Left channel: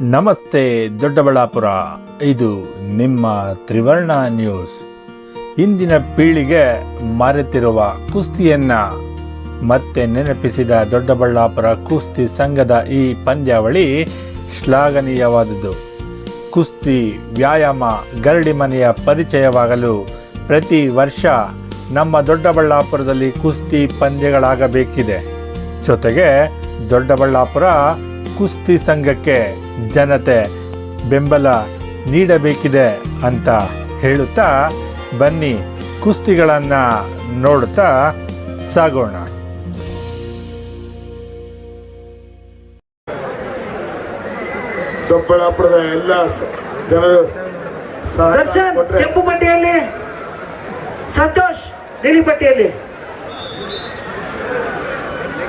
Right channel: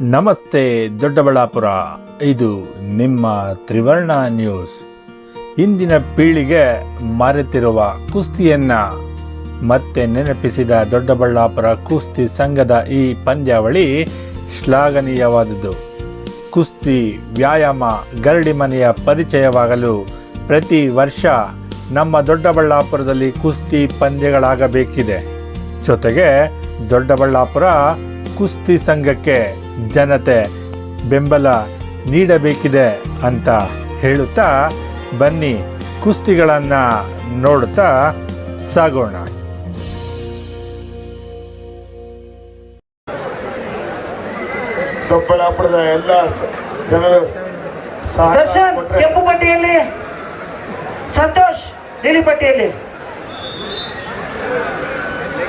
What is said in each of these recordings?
ನಮಸ್ತೆ ದೊಡ್ಡಬಳ್ಳಾಪುರ. ಇದು ನಿಮ್ಮ ತ್ರಿವರ್ಣ ನ್ಯೂಸ್. ಇಂದಿನ ಪೀಳಿಗೆ ಮರೆತಿರುವ ಕುಸ್ತಿಯನ್ನ ಮತ್ತೆ ನೆನಪಿಸಿದ ದೊಡ್ಡಬಳ್ಳಾಪುರ ಕುಸ್ತಿ ಸಂಘದ ಈ ಪಂದ್ಯಾವಳಿ ಶ್ಲಾಘನೀಯವಾದುದು ಕುಸ್ತಿ ವ್ಯಾಯಾಮ, ಗರಡಿ ಮನೆಯ ಪರಿಚಯವಾಗಲು ಪ್ರತಿ ವರ್ಷ ನಮ್ಮ ದೊಡ್ಡಬಳ್ಳಾಪುರದಲ್ಲಿ ಕುಸ್ತಿ ಪಂದ್ಯಗಳಾಗಬೇಕಿದೆ. ಜೊತೆಗೆ ದೊಡ್ಡಬಳ್ಳಾಪುರ ಕುಸ್ತಿ ಸಂಘಕ್ಕೆ ಜನತೆ ಬೆಂಬಲ ನೀಡಬೇಕಿದೆ ಅಂತ ಹೇಳುತ್ತಾ ಬನ್ನಿ ಕುಸ್ತಿಗಳನ್ನು ನೋಡುತ್ತಾ ಸಾಗೋಣ. ದೊಡ್ಡಬಳ್ಳಾಪುರದ ಎಲ್ಲ ಜನರು ಸಹ ದರ್ಶನ್ ಕೆಂಪು ಪಟ್ಟಿಯಲ್ಲಿ. ಸಂತೋಷ್ ನೀಲಿ ಪಟ್ಟಿಯಲ್ಲಿ.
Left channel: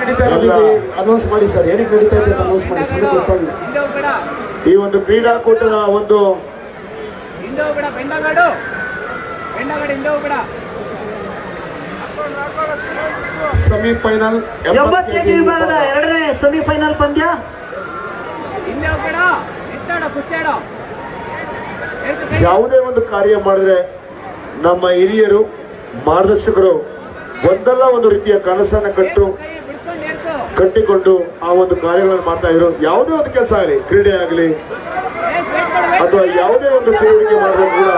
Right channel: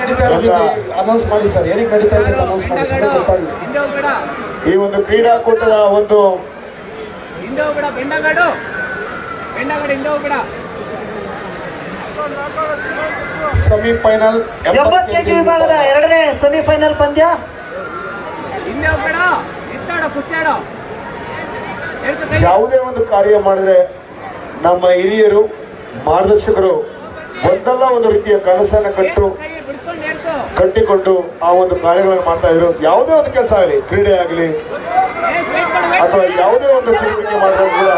ನಡೀತಾ ಇರೋದು ಅನೌನ್ಸ್ ಮಾಡಿ ಸರ್. ಏನಕ್ಕೆ ನಡೀತಾ ಇದೆ ಅನೌನ್ಸ್ ಮಾಡಿ. ನನಗೆ ಈ ಒಂದು ಕ್ರೀಡಾಕೂಟದ ಒಂದು ಸೆಮಿಫೈನಲ್ ಎಂಬತ್ತು ಕೆಜಿ ವಿಭಾಗದ ಎರಡನೇ ಸೆಮಿಫೈನಲ್ ಪಂದ್ಯ. ಯಾವುದೇ ಒಂದು ಕಾರ್ಯ ಮಾಡಿದ್ರೆ ನಮ್ಮ ಹಿರಿಯರು ಮಾರ್ಗದರ್ಶಕರು ಒಂದಲ್ಲ ಒಂದು ರೀತಿಯ ಕನಸನ್ನು ಕಟ್ಟು ಕಟ್ಟಿಕೊಂಡು ಆ ಒಂದು ಕಾರ್ಯಗಳನ್ನು ಮಾಡ್ತಾ ಇರೋದು ಯಾವುದೇ ಒಂದು ಕೆಲಸ ಆಗಲಿ ಕ್ರೀಡೆ ಆಗಲಿ ಅಥವಾ ಯಾವುದೇ ಒಂದು ಚಟುವಟಿಕೆ ಮಾಡಿದ್ರು ಕೂಡ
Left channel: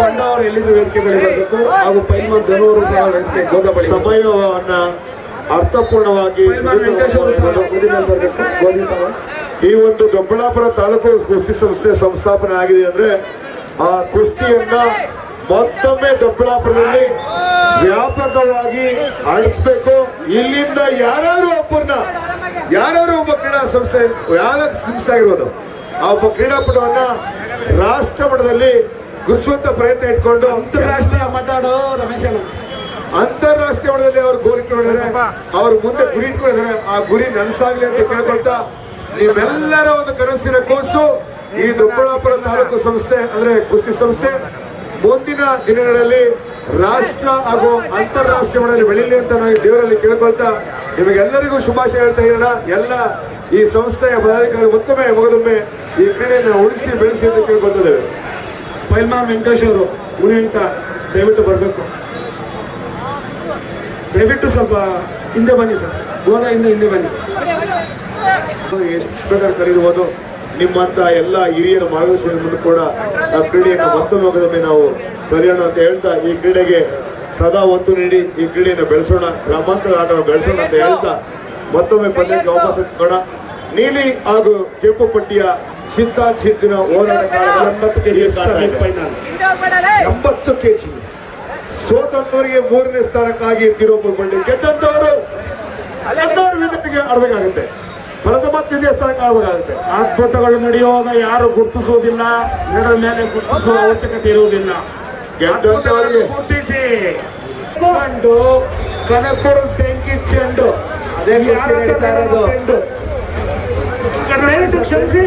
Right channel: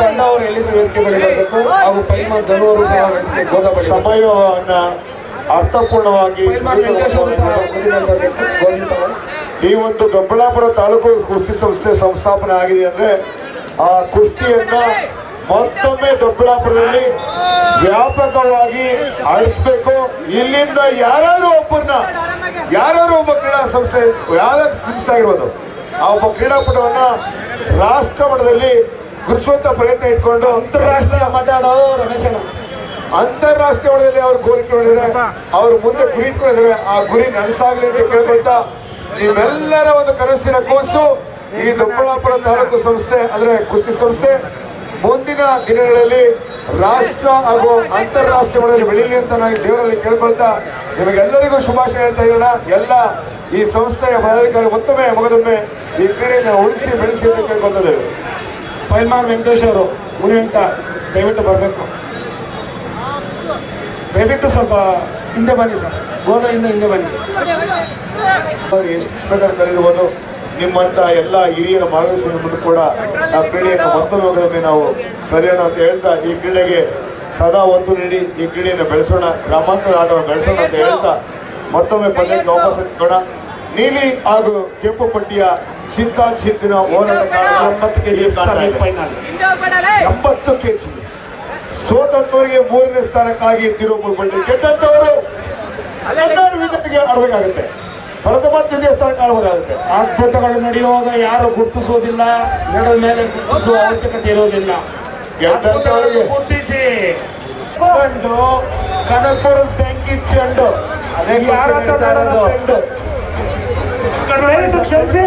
ಪಂಡ ಎಲ್ಲಿದ್ದ ವೇದಿಕೆ ಬಳಿ ಬರಬೇಕು ಹಾಗೂ ಪೈಮ ಧನವರು ಸಹ ವೇದಿಕೆ ಗೋದ ಸಮಯವನ್ನು ಅರ್ಥಪೂರ್ಣವಾಗಿ ಈ ಒಂದು ದೊಡ್ಡಬಳ್ಳಾಪುರ ತಾಲೂಕು ಕುಸ್ತಿ ಸಂಸ್ಥೆ ಸಂಸ್ಥಾಪನೆ ಆಗಿದೆ ಅಂದ್ರೆ ಆ ಕುಸ್ತಿಯನ್ನ ಮತ್ತೊಮ್ಮೆ ದೊಡ್ಡಬಳ್ಳಾಪುರದಲ್ಲಿ ವ್ಯಾಪಕವಾಗಿ ಅಳಿಸ್ಬೇಕು ಇಲ್ಲಿಂದ ಯಾರಾದ್ರೂ ಒಬ್ಬರನ್ನ ಯಾರು ಒಬ್ಬ ಕ್ರೀಡಾ ಸಂಸ್ಥೆ ಯಾರು ಸಿಗ್ತಾ ಇರೋದು ಆ ಒಬ್ಬ ಕ್ರೀಡಾಪಟುವನ್ನ ರಾಷ್ಟ್ರ ಮಟ್ಟದಲ್ಲಿ ಗುರುಸುವಂತ ಪ್ರಯತ್ನ ಇಟ್ಕೊಂಡು ಅಂತಾರಾಷ್ಟ್ರೀಯ ಮಾತಾಡೋ ರಮೇಶ್ ಅಣ್ಣ. ಅಂತಾರಾಷ್ಟ್ರೀಯ ಮಟ್ಟದಲ್ಲಿ ಅವ್ರು ಗುರಿ ಇಟ್ಕೊಂಡಿದ್ರೆ ಅವ್ರ ಮುಂದೆ ಗುರಿ ಇಟ್ಕೊಂಡಿದ್ರೆ ಆ ಗುರಿ ನನಸಾಗ್ಲಿ ಅಂತ ಕೇಳ್ಕೊಳ್ತಾ ನಿಮ್ಮೆಲ್ಲರ ಒಂದು ಕನಸಿನ ಕೂಸು ಈ ದೊಡ್ಡಬಳ್ಳಾಪುರ ತಾಲೂಕು ಸಂಸ್ಥೆ ಅಂದ್ರೆ ಕುಸ್ತಿ ಸಂಸ್ಥೆ ಮುಂದಿನ ದಿನಗಳಲ್ಲಿ ರಾಷ್ಟ್ರ ಹಾಗೂ ಅಂತಾರಾಷ್ಟ್ರೀಯ ಮಟ್ಟದಲ್ಲಿ ಬೆಳೀಲಿ ಅಂತ ನಾವು ಈ ದೇವರಲ್ಲಿ ಕೇಳ್ಕೊಳ್ತಾ ನಿಮಗೆಲ್ಲರಿಗೂ ಶುಭಾಶಯ ಹೇಳ್ತಾ ಇರೋಣ. ಎಲ್ಲ ಈ ಸಂಸ್ಥೆಯ ಪದಾಧಿಕಾರಿ ಮತ್ತೊಮ್ಮೆ ಮಗದೊಮ್ಮೆ ಈ ಕ್ರೀಡೆಯನ್ನು ಉಳಿಸಿ ಬೆಳೆಸಿ ಅಂತ ಕೇಳ್ಕೊತಿದ್ದೇವೆ ಪೈಲ್ಮಾನ್ ವೆಂಕಟೇಶ್ ಅವರು ಮುನಿ ಅಂತ ದಯವಿಟ್ಟು ಬರಬೇಕು. ದಯವಿಟ್ಟು ಸ್ವಲ್ಪ ಹಿಂದೆ ಬನ್ನಿ ಸರ್. ಗೋಲ ಹಿಂದೆ ಬನ್ನಿ. ಎಷ್ಟು ಬೇಕಾದ್ರೆ ಕರೀಬಹುದು ನಿಮ್ಮಂತ ಎಲ್ಲ ಹಿರಿಯರ ಮಾರ್ಗದರ್ಶನ ಮುಂದೆ ಕೂಡ ಆ ಕ್ರೀಡೆಯನ್ನು ಮತ್ತೊಮ್ಮೆ ನಾವು ಕರೆಯೋಣ ಅಂತ ಹೇಳ್ತಾ ಈ ಕ್ರೀಡೆಗೆ ಸದಾ ಒತ್ತು ನೀಡಿ ಈ ಕ್ರೀಡೆಯನ್ನು ಬೆಳೆಸೋಣ. ಗ್ರಾಮಾಂತರ ಆಟವನ್ನು ಬೆಳೆಸೋಣ ಅಂತ ಹೇಳ್ತಾ ಮತ್ತೊಮ್ಮೆ ಪಂದ್ಯಕ್ಕೆ ವಾಪಸ್ ಕಣ ನೀಲಿ ಹಾಗೂ ಕೆಂಪು ಪಟ್ಟಿಯ ಚಿಂತಾ ಚಿಂತಿನ ಹೋರಾಟ ಎಂಬತ್ತು ಕೆಜಿ ಸೆಮಿಫೈನಲ್. ಎಂಬತ್ತು ಸೋತಂತವರಿಗೆ ಮೂರನೇ ಸ್ಥಾನಕ್ಕಾಗಿ ತಿರುಪತಿ ಗೆದ್ದಂತವರು ಹದಿನಾರು ವಿಧಕ್ಕೆ ಆಡಬೇಕಾಗುತ್ತೆ ಪ್ರಥಮ ದೇವಸ್ಥಾನಕ್ಕೆ ಸ್ಥಾನಕ್ಕೆ ಆಡಬೇಕಾಗುತ್ತೆ ಅದ್ಭುತಗಳು ನಡೆಯುವಾಗ ಯಾರು ಗುರುತಿಸುವುದಿಲ್ಲ ನೆಡದ ಮೇಲೆ ಗುರುತಿಸುವ ಅವಶ್ಯಕತೆ ಇರುವುದಿಲ್ಲ. ಗುರುತಿಸಿ. ಕಂಡು ಕನಕಪುರ ಬೆಂಕಿ ಚೆಂಡು. ಅದೇ ಕ್ಷಮಿಸಿ.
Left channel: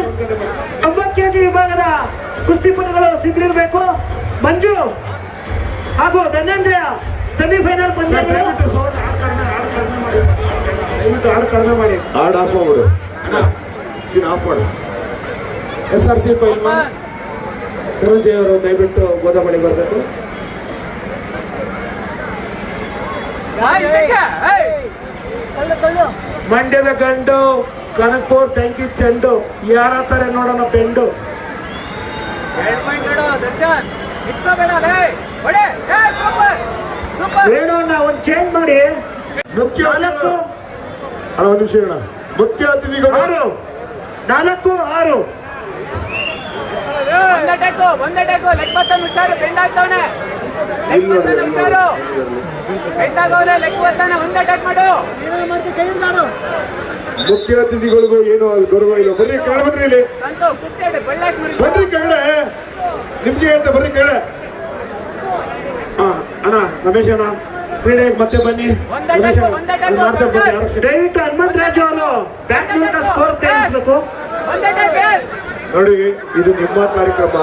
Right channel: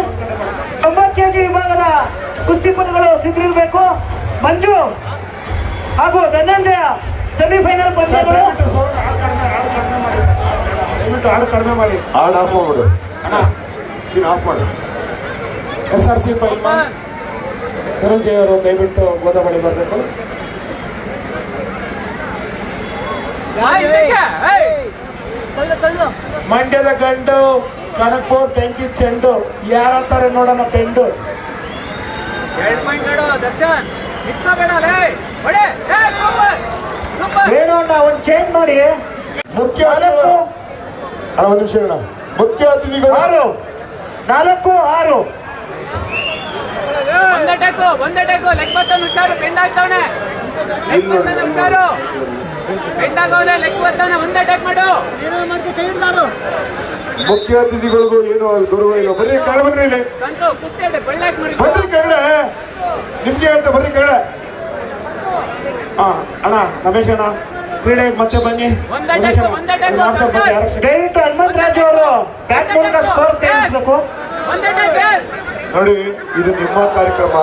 ತೊಂಬತ್ತು ಕೆಜಿ ವಿಭಾಗದ ಕುಸ್ತಿಪಟುಗಳು ಸಿದ್ಧರಿರಬೇಕು ಮಂಜು ಹಾಗೂ ಧನಂಜಯ ಸೆಮಿಫೈನಲ್ ಪಂದ್ಯಗಳು. ದಯವಿಟ್ಟು ಕಡಿಮೆ ಮಾಡಿ. ಹಾಡ್ ಆಫ್ ಮಾಡ್ಬಿಡು. ಅಣ್ಣ ಸೀನ್ ಆಫ್ ಮಾಡಿ. ಎಸ್ ಆರ್ ಸಿ ಪೈಲ್ಮಾನ್ ಧನಂಜಯ ಅವರು ದಯವಿಟ್ಟು ಗೋದಾಮಣಿ ಬರಬೇಕು. ಮಂಡ್ಯದ ಗಂಡು ಕನಕಪುರ್ ಬೆಂಕಿ ಚೆಂಡು ಯಾರತ್ತಾರೆ ನೋಡೋಣ ಪೆಂಡು? ಏನು ಒಂದು ಚೇಂಜ್ ಮಾಡಿ. ಮುಖ್ಯ ಅಣ್ಣ ಒಂದು ನಿಮಿಷ ಹೇಳ ಮುಖ್ಯ ಅತಿಥಿಗಳು ಆರು. ನಾಲ್ಕು ಆರು. ಇಲ್ಲಿ ನೋಡ್ರಿ, ಅಲ್ಲಿ ಮುಖ್ಯ ಅತಿಥಿಗಳಿಗೂ ಏನು ಅಲ್ಲಿ ಗೌರವ ಇಲ್ಲ. ಬರ್ರಿ ಕಾಣ್ಬಿಡ್ರಿ ಬರ್ರಿ ಇಲ್ಲಿ. ಬರ್ರಿ ಕೆಳಗಡೆ ನಿಮ್ಗೆ ಹೇಳ್ತಾ ಬರ್ರಿ ಕೆಳಗಡೆ ಹಾ ಅಣ್ಣ ರಮೇಶ್ ಅಣ್ಣ ಕ್ರೀಡೆಗೆ ಮತ್ತೆ ಬನ್ನಿ. ಮಾಡ್ತಾ ಬನ್ನಿ ದಯವಿಟ್ಟು ಹನುಮಂತ ರಾಜು ಅವರು ಬ್ಯಾಟ್ ಮೂಲಕ ಸ್ಕೋರ್ ತೇರಿಸಬೇಕು ಟೇಕ್ ನೋಡಿ ಇದು ನಿಮ್ಮ ಕಾರ್ಯಕ್ರಮ.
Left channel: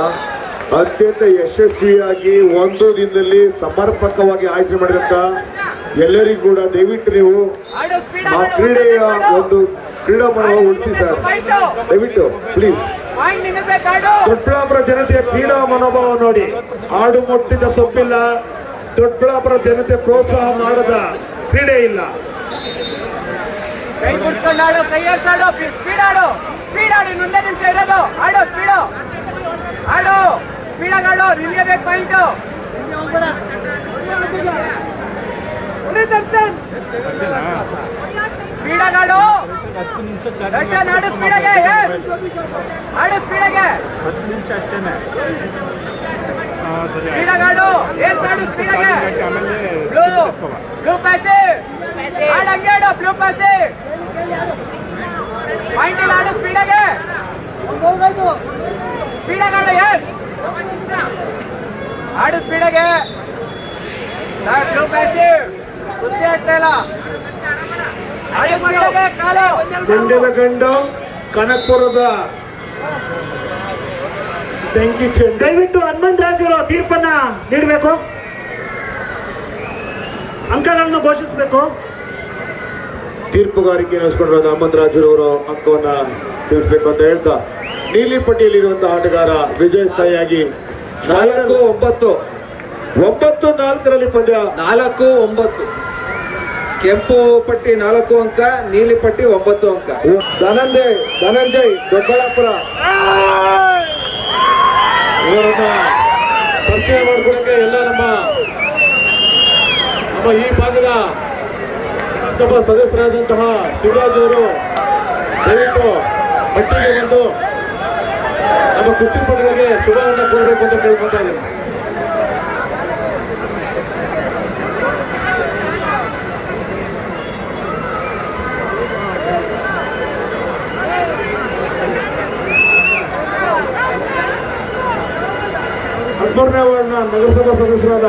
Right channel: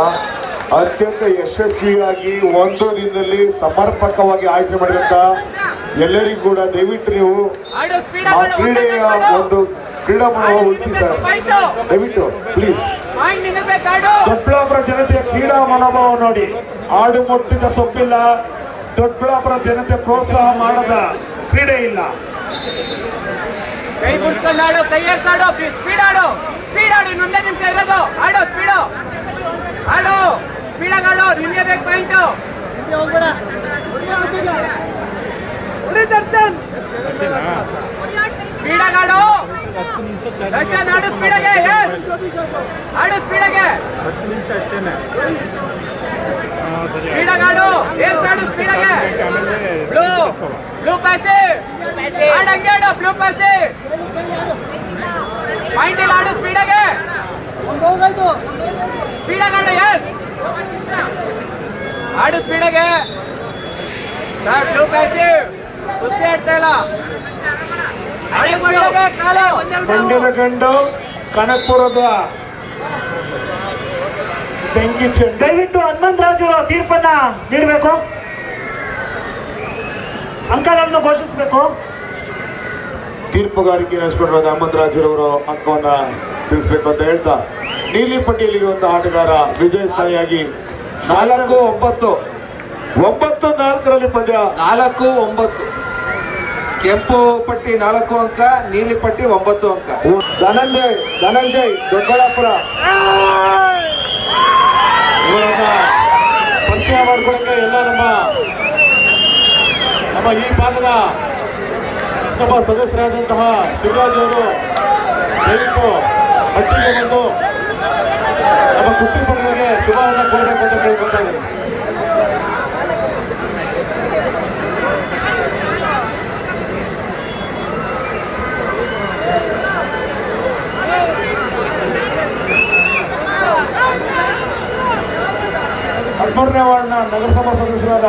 ಅತ್ಯಂತ ಯಶಸ್ವಿಯಾಗಿ ಒಂದು ದಿನದಲ್ಲಿ ಸಮರ್ಪಕವಾಗಿ ಆಯ್ಕೆ ಮಾಡಿದಂತ ಎಲ್ಲರಿಗೂ ಕೂಡ ದಯವಿಟ್ಟು ನೀವು ಆ ಕ್ರೀಡೆಯ ಒಂದು ಕ್ರೀಡಾಮನೋಭಾವ ಉಳಿಸಿ ಸರ್. ದಯವಿಟ್ಟು ಪ್ಲೀಸ್ ದೊಡ್ಡಾಪುರ ಜನತೆಯ ಕ್ರೀಡಾ ಮನೋಭಾವ ನೋಡಿ. ಆಡು ಮುಟ್ಟಿದ ಸೊಪ್ಪಿಲ್ಲ ದೊಡ್ಡಬಳ್ಳಾಪುರ ಜನತೆ ಪ್ರೋತ್ಸಾಹ ಮಾಡದ ಕ್ರೀಡೆ ಇಲ್ಲ. ಇನ್ನೊಂದೇ ನಿಮಿಷ ಹತ್ತು ನಿಮಿಷ ಅಷ್ಟೇನೆ. ಸರಿ ಆಮೇಲೆ ಆಡು ಸ್ಪೀಡಾಗೆ ಸ್ಪೀಡಾಗಿ ಆಡು ಎಸ್ ಆಡು ಸ್ಪೀಡಾಗೆ ಸರ್ ಬ್ಲೂ ಪಾಸೆ? ಕುಸ್ತಿ ಆಡ್ತಾ ಇಲ್ಲ. ಆಡು ಸ್ಪೀಡಾಗೆ ಕಾಲು. ಮಂಡ್ಯದ ಗಂಡು ಕನಕಪುರದ ಬೆಂಕಿ ಚೆಂಡು. ದಯವಿಟ್ಟು ಹನುಮಂತರಾಜರು ತೀರ್ಪನ್ನ ನೀಡಬೇಕು. ಅಂಕಗಳನ್ನು ಘೋಷಿಸಬೇಕು. ತೀರ್ಪುಗಾರಿಕೆ ನಡೆಸಿಕೊಂಡಿರೋ ಹನುಮಂತರಾಜರವರು ಅಂಕವನ್ನ ತಿಳಿಸ್ಬೇಕು ಅಂತ ಹೇಳ್ತಾ ನೀಲಿ ಪಟ್ಟಿಯಲ್ಲಿರುವಂತಹ ಆಟಗಾರ ವಿಜಯ್ ಸಾಯಿಯಾಗಿ ನಾಲ್ಕು ಒಂಬತ್ತು ಒಂಬತ್ತು ನಾಲ್ಕರಲ್ಲಿ ಪಂದ್ಯ. ನಾಲ್ಕು ಒಂಬತ್ತು. ಕೆಂಪು ಪಟ್ಟಿ ನಾಲ್ಕು ಅಂಕ ನೀಲಿ ಪಟ್ಟಿ ಒಂಬತ್ತು ಅಂಕ. ಧನಂಜಯ್ ಧನಂಜಯ್ ದೊಡ್ಡಬಳ್ಳಾಪುರ. ಇವರನ್ನ ಪರಿಚಯ ಮಾಡಿಕೊಡಕ್ಕೆ ಎಲ್ಲ ನಮ್ಮ ನಮ್ಮ ಈ ಭಾಗದ ಸಭಾ ಸದಸ್ಯರಾದಂತಹ ಶಿವರಾಜ್ ಅವರು ದಯವಿಟ್ಟು ಮಟ್ಟಿಗೆ ಬಂದು ನಮ್ಮ ಕುಸ್ತಿ ಪಟ್ಟಿಗೆ ಶುಭವನ್ನು ಕೊಡಬೇಕು ಅಂತ ಕೇಳ್ಕೊತಾ ಇದ್ದೀನಿ. ಹದಿಮೂರನೇ ವಾರ್ಡ್ನ ನಗರಸಭಾ ಸದಸ್ಯರಾದ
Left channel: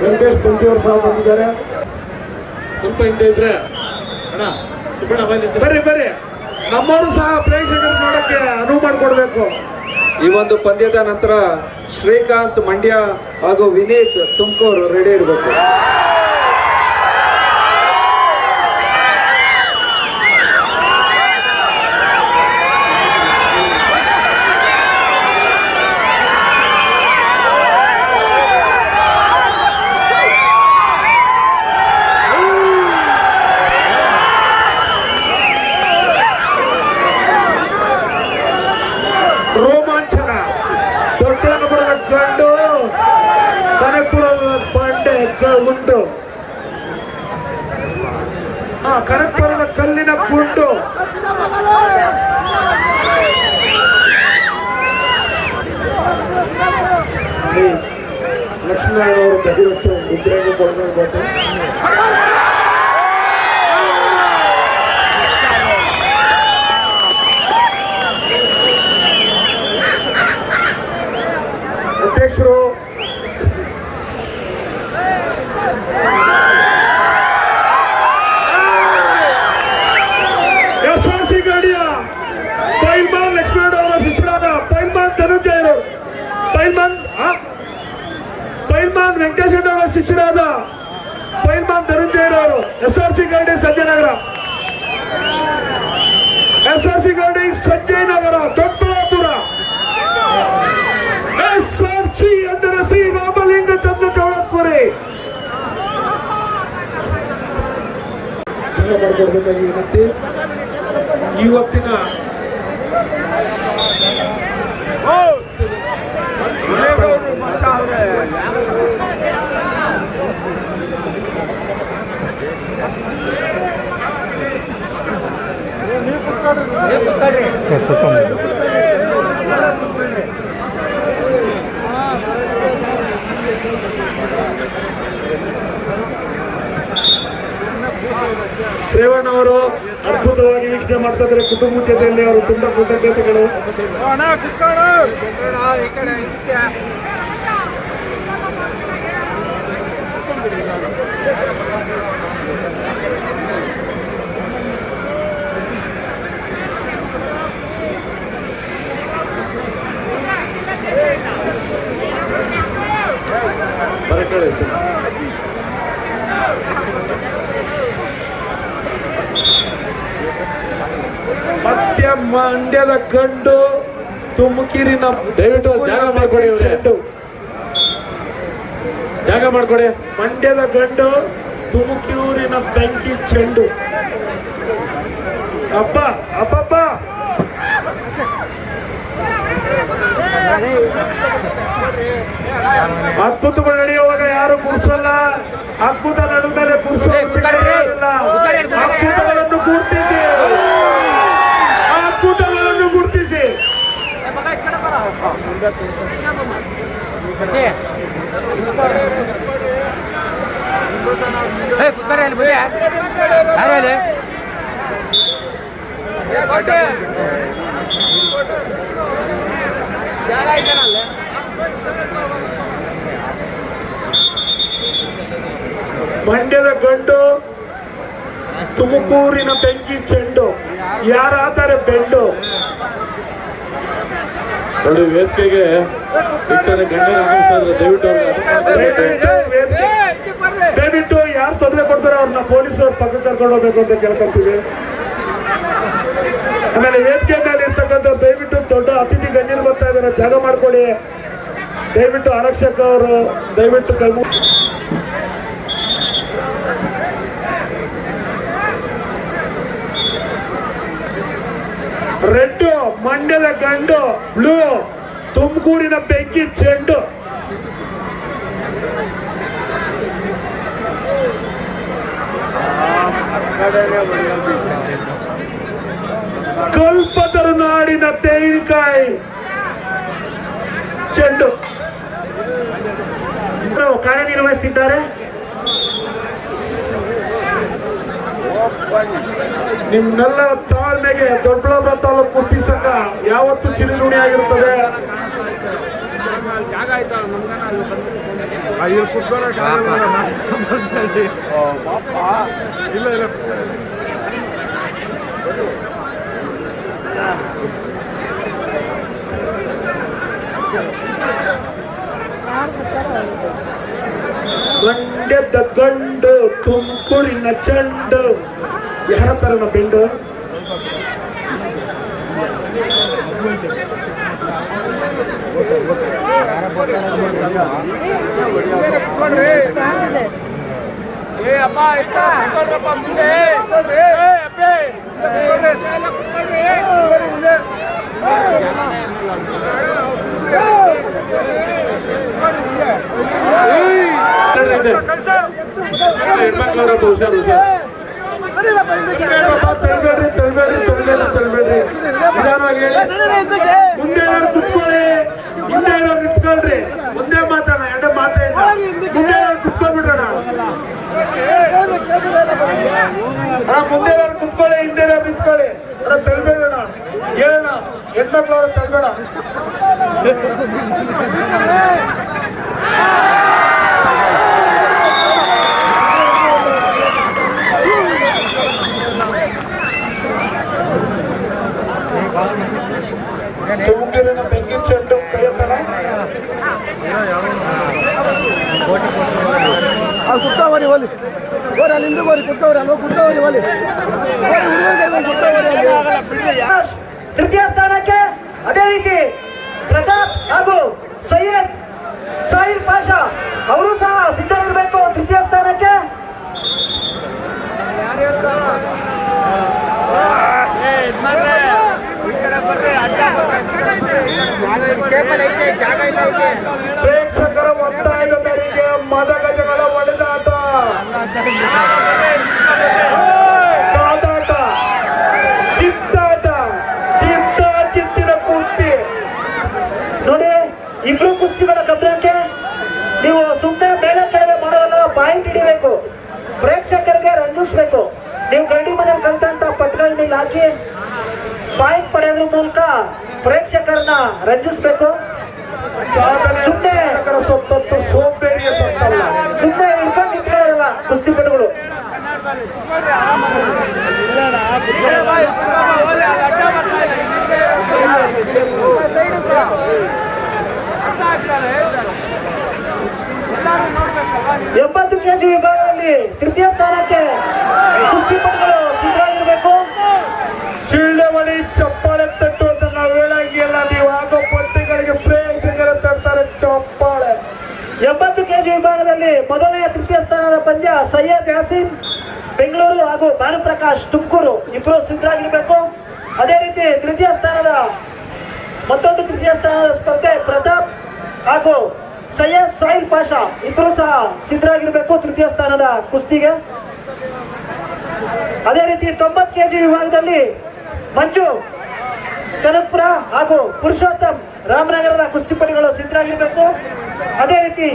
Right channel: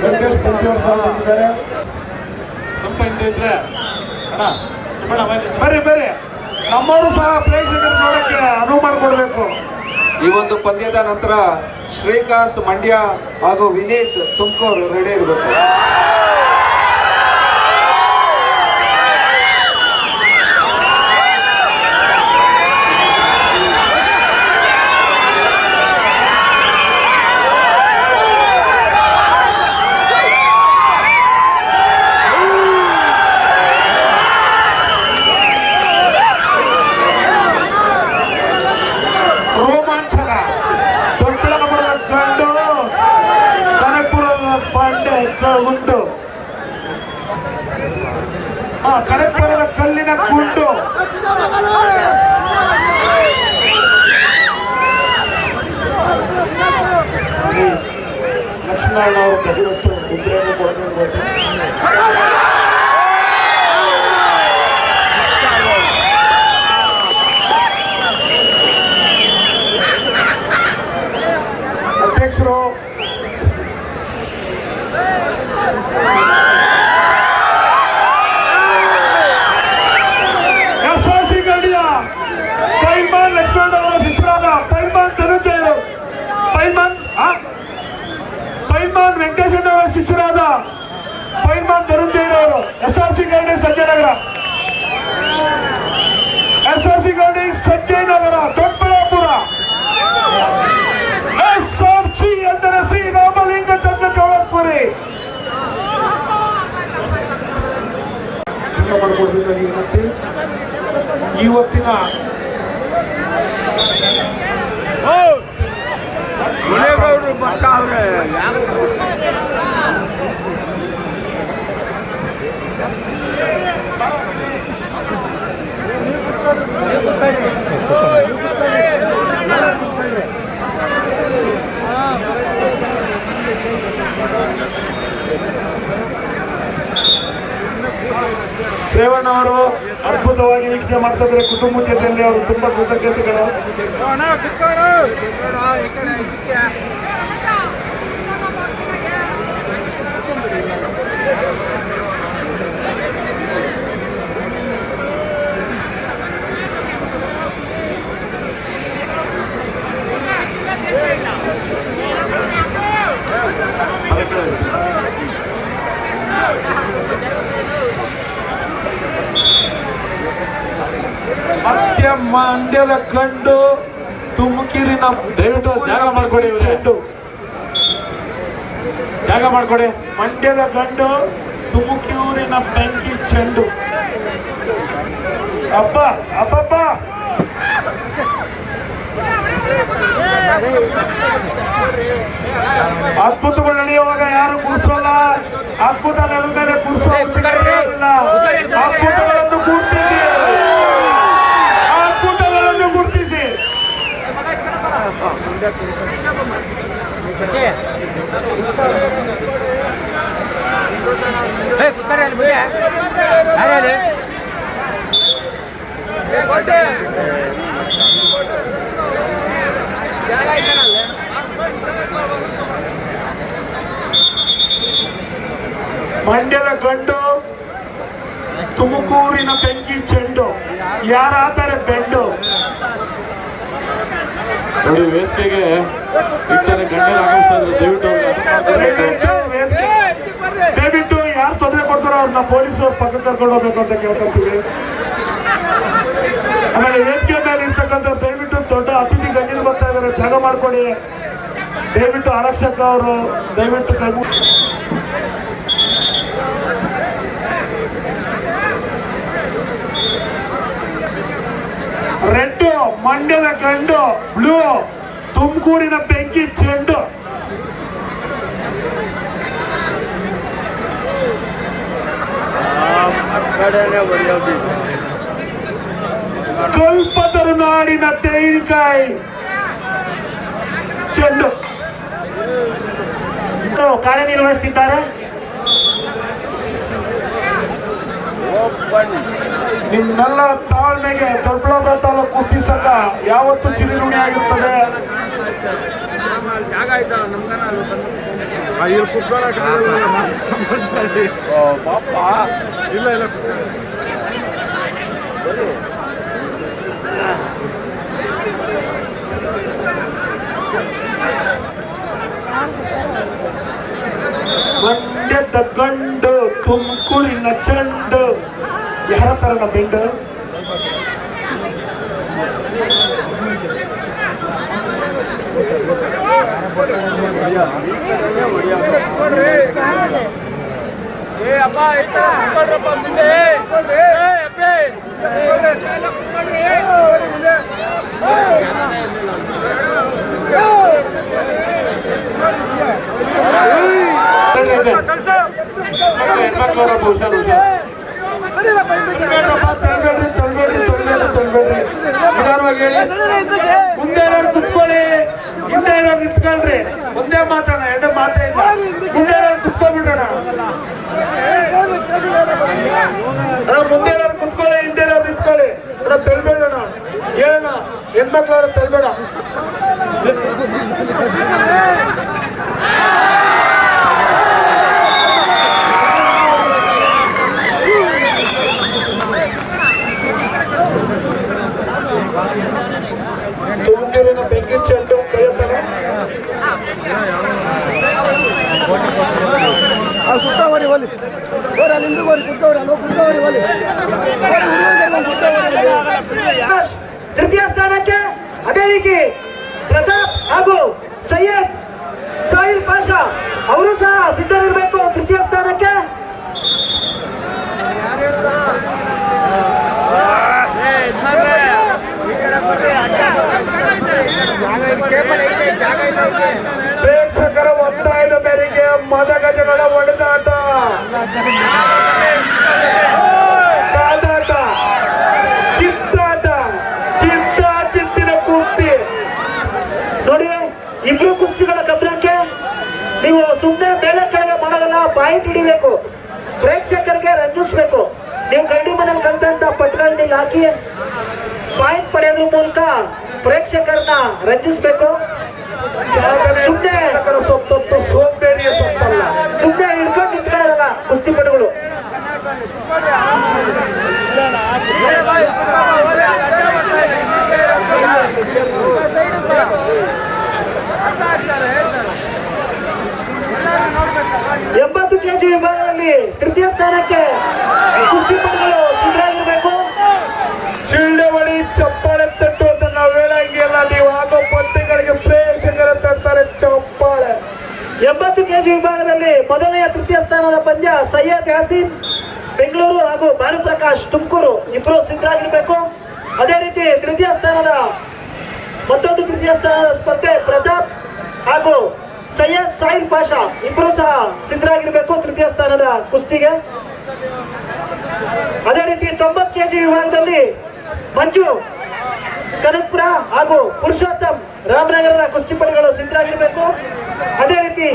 ವೆಂಕಟೇಶ್ ಪಂಟಿ ಅವರು ಸಹ ಬಂದಿದ್ದಾರೆ. ಸ್ವಲ್ಪ ಹಿಂದೆ ಇದ್ರೆ ಅಣ್ಣ. ಬರ್ರಿ ಬರ್ರಿ. ನಮ್ಮನ್ನು ಸಹ ಪ್ರೇಕ್ಷಕರು ನೋಡಕ್ಕೆ ಅನುವು ಮಾಡಿಕೊಡ್ಬೇಕು. ಈ ಒಂದು ಪಂದ್ಯದ ನಂತರ ಶ್ರೀಕಾಂತ್ ಮಂಡ್ಯ ಹಾಗೂ ವಿನೀತ್ ತುಮಕೂರು ರೆಡಿ ಇರಬೇಕು ರೋಮಾಂಚನ ದೊಡ್ಡಬಳ್ಳಾಪುರದ ಗಂಡು ಕನಕಪುರದ ಬಂಡೆ ಗ- ಗುಂಡು ಆ ಕನಕಪುರದ ಕಲ್ಲಿನ ಗುಂಡು ಲಕ್ಷ್ಮೀನಾರಾಯಣ ಅವರು ತೆಗೆದತ್ತು ವಿಗ್ರಹ ಕೊಡಬೇಕು ಅಧ್ಯಕ್ಷರು ಎಸ್ ಆರ್ ಸಿ ಗಾಡಿಯ ಪೈಲ್ಮಾನ್ ಲಕ್ಷ್ಮಣ ಅವರ ಶಿಷ್ಯರಾದ ಪೈಲ್ಮಾನ್ ಧನಂಜಯರು ಪೈಲ್ಮಾನ್ ಆ? ಪೈಲ್ಮಾನ್ ವೆಂಕಟೇಶ್ ಅವರ ಶಿಷ್ಯರಾದ ಪೈಲ್ಮಾನ್ ಧನಂಜಯರವರು ಎಸ್ ಆರ್ ಸಿ ಗಾಡಿ ಸಂಜಯನಗರ ಗಾಡಿ Sanjayanagar Doddaballapur S R C ಎಂದರೆ ಶ್ರೀ ರಾಮಲಿಂಗ ಚಂದ್ರ ಚೌಡಪುರಿ ಮಾಡಿಕೊಡ್ಬೇಕಾಗಿ ವಿನಂತಿ ಇವತ್ತಿನ ರೇವಣ್ಣ ಅವರು ಅದ್ಭುತವಾಗಿ ವೀಕ್ಷಣೆ ಮಾಡ್ತಾ ಕುಟುಂಬ ಜೊತೆಯಲ್ಲಿ ಅವರು ತುಂಬಾ ಕೃತಜ್ಞತೆಗಳು. ಮತ್ತೆ ಮಂಡ್ಯದ ಗಂಡು ತುಮಕೂರಿನ ದಯವಿಟ್ಟು ಜಾಗ ಮಾಡ್ಕೊಡಿ ಇವ್ರೆ. ಚೆಂಡು ಜಾಗ ಮಾಡ್ಕೊಡಿ ಮಂಡ್ಯದ ಗಂಡು ತುಮಕೂರಿನ ಬೆಂಕಿ ಚೆಂಡು ಅಪ್ಪ ಅಪ್ಪಪ್ಪ ಅದ್ಭುತಗಳು ನಡೆಯುವಾಗ ಯಾರು ಕುಡಿಸೋಲ್ಲ ಅದ್ಭುತ ನಡೆದರೆ ಕುಡಿಸೋ ಅದ್ಭುತಗಳನ್ನು ಗುರುತಿಸಿ ಮಂಡ್ಯದ ಗಂಡು ತುಮಕೂರಿನ ಬೆಂಕಿ ಚೆಂಡು ಯಾರಾದರೆ ಬೆಂಡು ನೋಡಿ ವೇದಿಕೆಗೆ ಈ ಥರ ಗಂಡನ ದಯವಿಟ್ಟು ಅವ್ರಿಗೆ ದಯವಿಟ್ಟು ಯಾರು ತೊಂದರೆ ಕೊಡ್ತಾರೋ ಅವ್ರನ್ನ ಪೊಲೀಸರು ಪಕ್ಕ ಕರ್ಕೊಂಡು ಹೋಗ್ಬೇಕು ಅಂತ ಕೇಳ್ಕೊಂತೀವಿ. ಆಮೇಲೆ ವೇದಿಕೆ ಮೇಲೆ ಇರ್ತಕ್ಕಂಥ ದಯವಿಟ್ಟು ದೊಡ್ಡ ಅತಿಥಿ ಗಣ್ಯರು ಬರ್ತಾ ಇದ್ದಾರೆ. ಜಾಗ ಮಾಡ್ಕೊಳ್ಳಿ. ದಯವಿಟ್ಟು ಆರಕ್ಷಕ ಅವರು, ದಯವಿಟ್ಟು ಕೈ ಮುಗಿ ರೆಡ್ ಮಂಡ್ಯದ ಗಂಡು ಬ್ಲೂ ತುಮಕೂರಿನ ಬೆಂಕಿ ಚೆಂಡು. ಕಲ್ಪತರು ನಾಡಿನ ತೆಂಗಿನಕಾಯಿ ಚೆಂಡು. ಕಾರ್ಯನಿರ್ವಹಿಸುತ್ತಿದ್ದಾರೆ ನಿಮ್ಮೆಲ್ಲರ ತಾಳ್ಮೆಗೆ ದೊಡ್ಡಬಳ್ಳಾಪುರ ತಾಲೂಕು ಕುಸ್ತಿ ಸಂಘ ಯಾವತ್ತು ಚಿರಿಋಣಿ ಆಗಿರ್ತದೆ ಇಲ್ಲಿ ಇಲ್ಲ ಇಲ್ಲ ಮಂಡ್ಯದ ಗಂಡು ತುಮಕೂರಿನ ಚೆಂಡು. ಯಾರ ತರನ ಬೆಂಡು ಹೆಣ್ಮಕ್ಳವ್ರ ನಿಧಾನವಾಗಿ ಹೇಳಿ. ಮುಂದೆ ಏನಾದ್ರು ಕುತ್ಕೊಳ್ಳಿ. ಮುಂದೆ ಏನಾದ್ರು ನಿಂತ್ಕೊಳ್ರಿ. ಒಂದೇ ಮಾತಾಡ ಎರಡು ಮಾತೇ ಇಲ್ಲ ಮುಂದೆ ಏನಾದ್ರು ಕುತ್ಕೊಂಡ್ಬಿಡೋಣ ಮುಂದೆ ಏನಾದ್ರು ಕುತ್ಕೊಳ್ಳಿ, ಹಿಂದೆ ಏನಾದ್ರು ನಿಂತ್ಕೊಳ್ಳಿ. ಅಣ್ಣ ತಳ್ಬೇಡೋಣ ಹೇಳೋಣ ಹೆಣ್ಮಕ್ಳವ್ರ ತಳ್ಬೇಡ ತುಮಕೂರಿನ ಬೆಂಕಿ ಚೆಂಡು ಕೈ ಎತ್ತಣ. ಕುತ್ತವರಿ ಒಲಿ ಓರ ನಿಂದು ಗೋರಿ ಕುತ್ತವರಿ ಅಲ್ವ ಕುತ್ತವರಿ ಒಲಿ ತೃತೀಯ ಸ್ಥಾನಕ್ಕೆ ಅದೇ ರೀತಿ ಪ್ರತಾಪ್ ಹಾಗೂ ಸೈಯದ್ ಸಾಹಿಲ್ ಪಾಷಾ ಅವರು ಸಹ ಸಿದ್ಧರಿರಬೇಕು ತೃತೀಯ ಸ್ಥಾನಕ್ಕೆ ಪ್ರೇಕ್ಷಕರ ಹಿಡಿಬೇಕು ಪ್ರೇಕ್ಷಕರಿಗೆ ರಂಜಿಸ್ಬೇಕು ನೀವು ಗಂಡಿ ಮನೇಲಿ ಕಲ್ತಂತ ಪಟ್ಗಳನ್ನ ಹಾಕಿ ಪಾಯಿಂಟ್ ಪಡೆಯೋದ್ರ ಮೂಲಕ ಪ್ರೇಕ್ಷಕರನ್ನ ರಂಜಿಸ್ಬೇಕು. ಸುಮ್ಮನೆ ಸೊತ್ತೊತ್ತು ಸೋಂಬೇರಿಯ ಸೊತ್ತಲ್ಲ. ಕೆಜಿ ವಿಭಾಗದಲ್ಲಿ ತೃತೀಯ ಸ್ಥಾನಕ್ಕೆ ಕುಸ್ತಿಪಟುಗಳು ಸಿದ್ಧರಾಗಿರ್ಬೇಕು. ಶಿಳ್ಳೆವಳಿ ಚಪ್ಪಾಳೆ ತಟ್ಟುವಂತ ನಾವು ಹೇಳಂಗಿಲ್ಲ. ನೀವು ಆಗೋ ಪಟ್ಟಿಗಳಿಗೆ ಪ್ರೇಯಸಿಂಗರ ತರ್ತಾರೆ ಚಪ್ಪಾಳೆ. ಎಂಬತ್ತು ಕೆಜಿ ವಿಭಾಗದಲ್ಲಿ ಮೊದಲನೆಯ ತೃತೀಯ ಸ್ಥಾನದ ಪಂದ್ಯ ಸೈಯದ್ ಯಾಸೀನ್ ಬೆಂಗಳೂರು ಹಾಗೂ ಭಾನುಪ್ರಕಾಶ್ ತುಮಕೂರು ಇಬ್ಬರು ಸಿದ್ಧರಾಗಿರ್ಬೇಕು. ಅದೇ ರೀತಿ ತೃತೀಯ ಸ್ಥಾನದ ಮತ್ತೊಂದು ತೃತೀಯ ಸ್ಥಾನದ ಸ್ಪರ್ಧೆ ಪ್ರತಾಪ್ ಹಾಗೂ ಸೈಯದ್ ಸಾಹಿಲ್ ಪಾಷಾ ಇಬ್ಬರು ಸಹ ಸಿದ್ಧರಾಗಿರ್ಬೇಕು ತೃತೀಯ ಸ್ಥಾನದ ಕುಸ್ತಿಗೆ. ಅದೇ ರೀತಿ ತೊಂಬತ್ತು ಕೆಜಿ ವಿಭಾಗದಲ್ಲಿ ಮಂಜು ಕನಕ್ಪುರ ಹಾಗೂ ಪುರುಷೋತ್ತಮ್ ರಾಮನಗರದ ಕುಸ್ತಿಪಡಿಗಳು ಸಿದ್ಧರಾಗಿರ್ಬೇಕು. ಅದೇ ರೀತಿ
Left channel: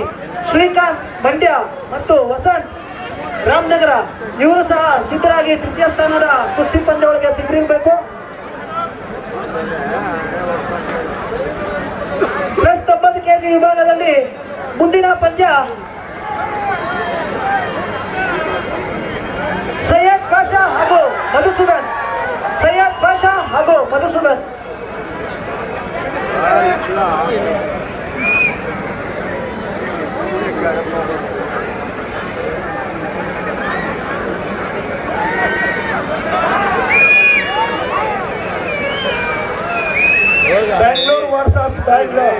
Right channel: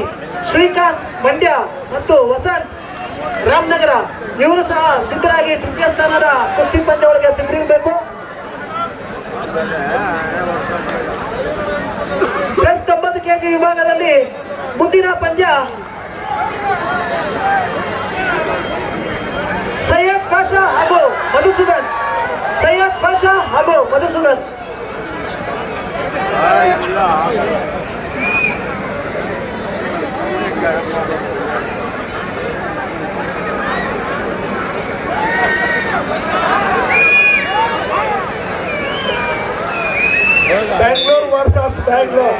ಶ್ರೀಕಾಂತ್ ಮಂಡ್ಯ ಮತ್ತು ವಸಂತ್ ರಾಮನಗರ, ಇವರು ಸಹ ಸಿದ್ಧರಾಗಿ ತೃತೀಯ ಸ್ಥಾನದ ಕುಸ್ತಿ ಪಂದ್ಯ ಒಳಗೆ ಸಿದ್ಧರಿರಬೇಕು. ಪ್ಲಸ್ ತೊಂಬತ್ತು ಕೆಜಿ ವಿಭಾಗದಲ್ಲಿ ಮುಂದಿನ ಪಂದ್ಯ ಸೈಯದ್ ಪಾಷಾ ಹಾಗೂ ಮಧುಸೂದನ್ ಸೈಯದ್ ಪಾಷಾ ಹಾಗೂ ಮಧುಸೂದನ್ ಬ್ಯಾಂಗ್ಳೂರ್ ವರ್ಸಸ್ ಬ್ಯಾಂಗ್ಳೂರ್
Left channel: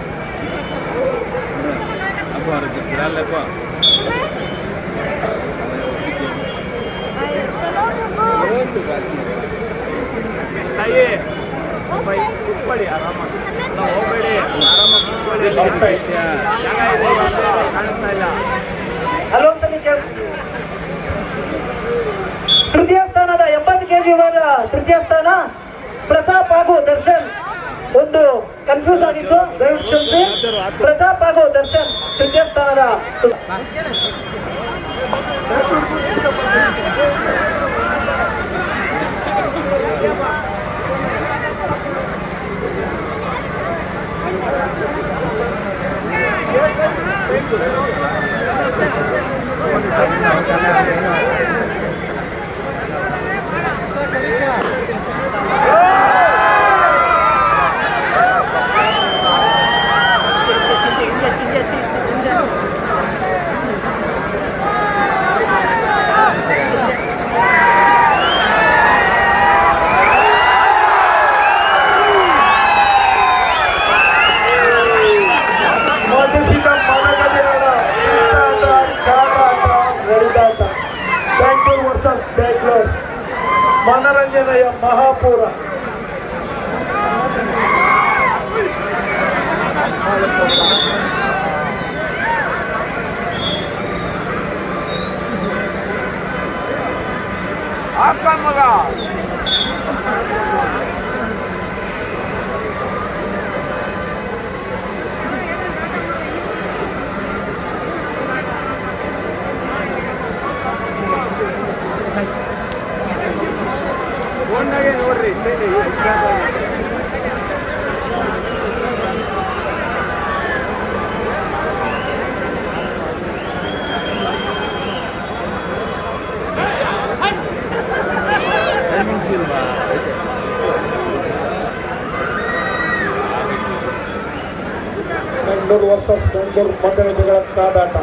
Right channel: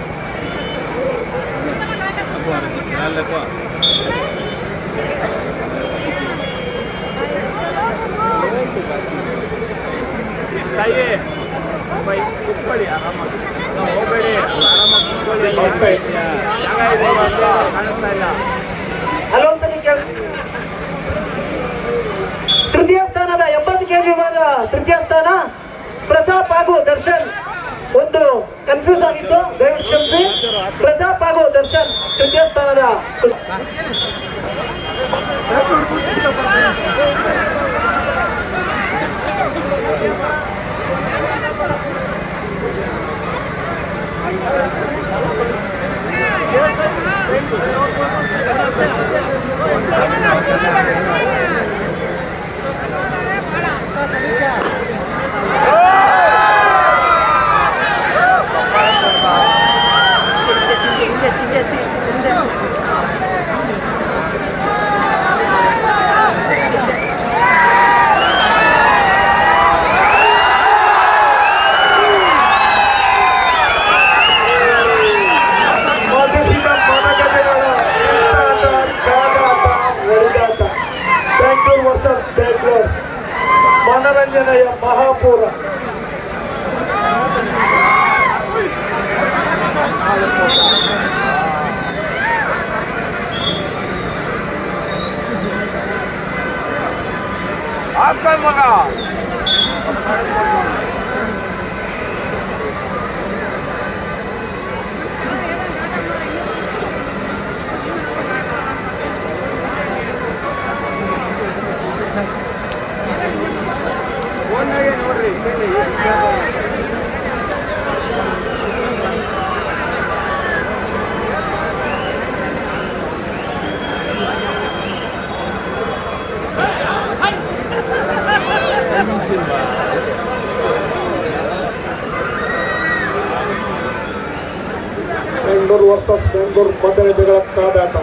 ले को चल जा बुला ले को ಹಲೋ ಅಂತ ನೀವು ಕೇಳಿ ತೃತೀಯ ಸ್ಥಾನದ ಎಂಬತ್ತು ಕೆಜಿ ವಿಭಾಗ ತೃತೀಯ ಸ್ಥಾನ ಪ್ರತಾಪ್ ಹಾಗೂ ದರ್ಶನ್ ಒಂದು ಕನ್ಫ್ಯೂಸ್ ಆಗಿತ್ತು ದಯವಿಟ್ಟು ಕ್ಷಮಿಸಿ ಪ್ರತಾಪ್ ಹಾಗೂ ದರ್ಶನ್ ತೃತೀಯ నిరంజనయ్య మహాపూర. ಬೆಂಗಳೂರು ವರ್ಸಸ್ ಬೆಂಗಳೂರು ಮತಗಜಗಳ ಕಾದಾಟ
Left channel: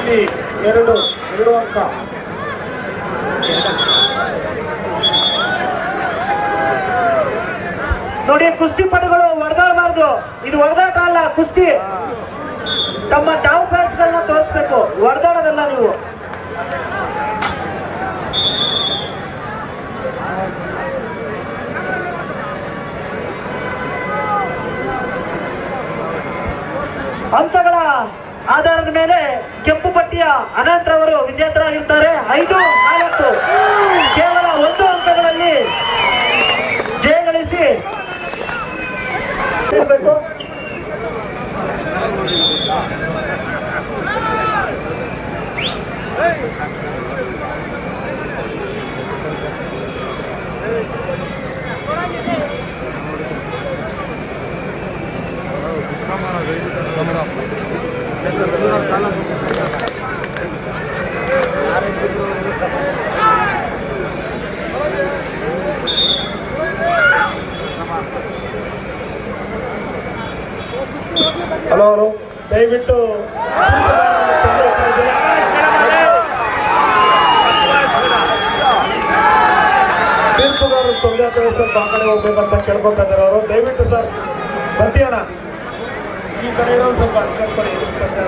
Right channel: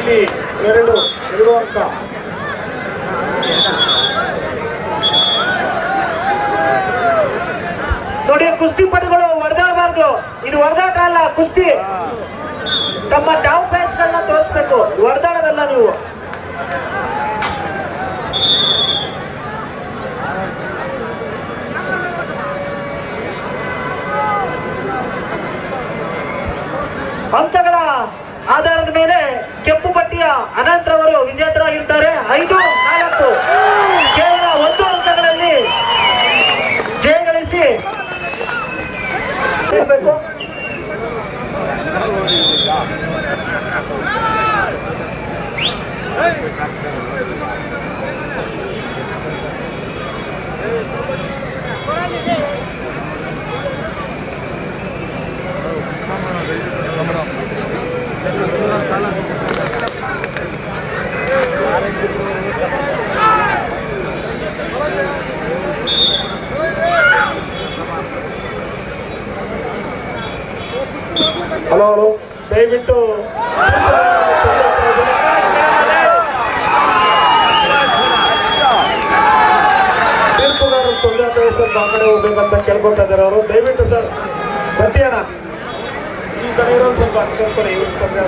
ಇಲ್ಲಿ ಎರಡು ಎರಡು ಅಂಕ ನೋಡಿ ಕುಸ್ತಿಪಟುಗಳು ಹೊಡೆದಾಡಬಾರ್ದು. ಇದು ಹೊಡೆದಾಟ ಕುಸ್ತಿ. ತಮ್ಮ ಡಾವ್ ಪ್ಯಾಚ್ಗಳನ್ನ ತೋರಿಸ್ಬೇಕು. ಹೊಡೆದಾಡೋದಲ್ಲ ನೀವು. ಅಂತಗಳ ಆಧಾರದ ಮೇಲೆ ಕೆಂಪು ಪಟ್ಟಿಯ ಅನಂತ್ ಅನಂತರವರು ವಿಜೇತರಾಗಿರ್ತಾರೆ. ಐದು ನಾಲ್ಕು. ಕೇವಲ ಒಂದು ಅಂಕಗಳಲ್ಲಿ ಜಯಗಳಿಸಿ ಹಲೋ ಹಲೋ. ದಯವಿಟ್ಟು ತೀರ್ಪುಗಾರರು ತೊಂದರೆ ಆಗ್ತಾ ಸ್ವಲ್ಪ ಆ ಕಡೆ ಹೋಗ್ಬೇಕಂತ ಕೇಳ್ಕೊತಾ ಇದ್ದಾರೆ ಅವರು. ದಯವಿಟ್ಟು ಸರ್ ಬರ್ತೀಯಣ್ಣ ಈ ಕಡೆ ಇರೋ ಸ್ವಲ್ಪ ಕೇಳ್ಕೊಳ್ಳಿ ತೊಂದರೆ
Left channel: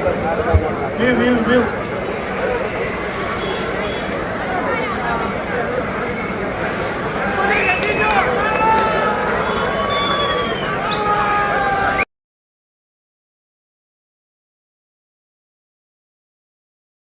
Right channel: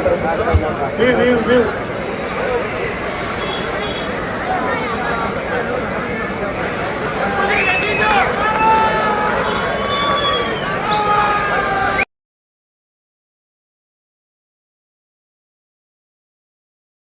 ನೀವು ನೀವು ನೀವು.